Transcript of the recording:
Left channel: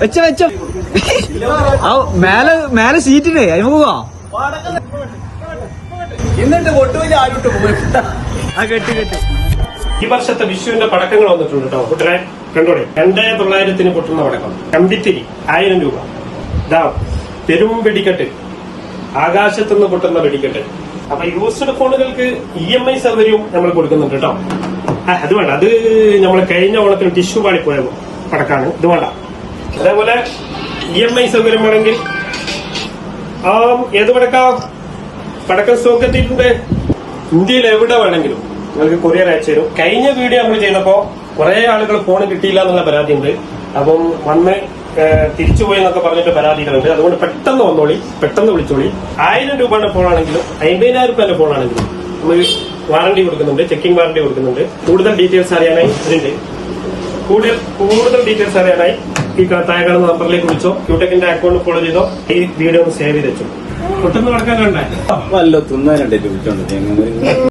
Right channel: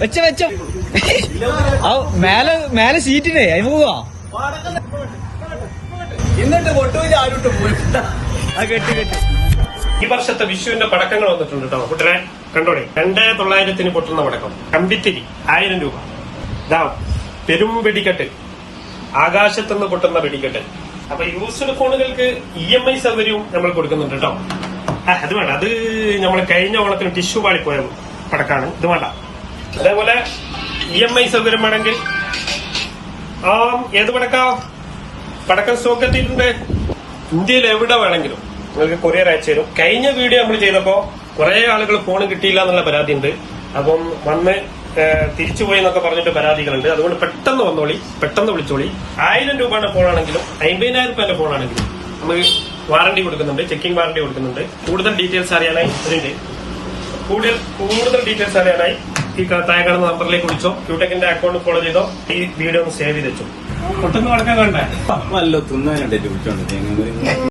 വെച്ച വെച്ച മേലെ സീറ്റിനെ അയ്യോ പോവാ എന്നിട്ട് പൊട്ടുവില്ല ആരോട്ട് പോയി. ഈ വർഷത്തെ വിഷുവിന്റെ പടക്കങ്ങൾ വന്നിട്ടുണ്ട് കേട്ടോ. കൂട്ടരെ കണ്ടോടെ 2900 പൊട്ടുന്ന പടക്കം. കമ്പിത്തിരി 1000 രൂപ. ഇതാ പെരും വെടിക്കെട്ട്, ആകാശത്തുനിന്ന് പൊട്ടുന്ന വെടിക്കെട്ട്. അപ്പൊ യൂസ്ഡ് ഫോണുകൾക്ക് EMI സൗകര്യവും നമ്മൾ കൊടുക്കുന്നുണ്ട് കേട്ടോ. അത് വേണ്ട, അത് നമ്മൾ കഴിഞ്ഞ ഓണത്തിന് ടിഷ്യൂ പാളിപ്പോയ പടക്കാണ്. ഇത് വേണ്ട. അതേപോലെ EMI സൗകര്യം വേണമെങ്കിൽ ഏത് പടക്കം സ്റ്റോക്ക് എത്തിയിട്ടുണ്ട്. ഇന്ത്യയിൽ എവിടെ വേണമെങ്കിലും നിങ്ങൾക്ക് കൊറിയർ അയച്ചു തരും. കഴിഞ്ഞ വീഡിയോ നമ്മൾ ചെയ്തപ്പോ കുറെ ആളുകൾ ഫോൺ കിട്ടിയില്ല എന്നുള്ള പരാതിയുണ്ട്. അപ്പം വന്ന് തിരിച്ചുപോയി എന്നൊക്കെ പറഞ്ഞിട്ട് പരാതികളുണ്ട്. അതുകൊണ്ട് പെട്ടെന്ന് വന്നോളി, പെട്ടെന്ന് വിളിച്ചോളി. 1000 രൂപയുടെ ഫോണാണെങ്കിലും 50,000 രൂപയുടെ ഫോണാണെങ്കിലും നമ്മൾ വാറണ്ടി കൊടുക്കുന്നുണ്ട്, ചെക്കിംഗ് വാറണ്ടി കൊടുക്കുന്നുണ്ട്. കൂടുതൽ ഡീറ്റെയിൽസ് അറിയാനായി ഇതിന്റെ കൂടുതൽ ഡീറ്റെയിൽസ് അറിയാനായി ഈ താഴെ കാണുന്ന നമ്പറിലേക്ക് വിളിച്ചോ, ക്യൂടെക്കിന്റെ അക്കൗണ്ട് ഫോളോ ചെയ്തോ. ഈ വീഡിയോ ഒന്ന് സേവ് ചെയ്ത് വെച്ചോ. പെട്ടെന്ന് നടക്കാൻ കണ്ടേ വല്ല തിന്നാനുണ്ടേ വിളിച്ചോണ്ട്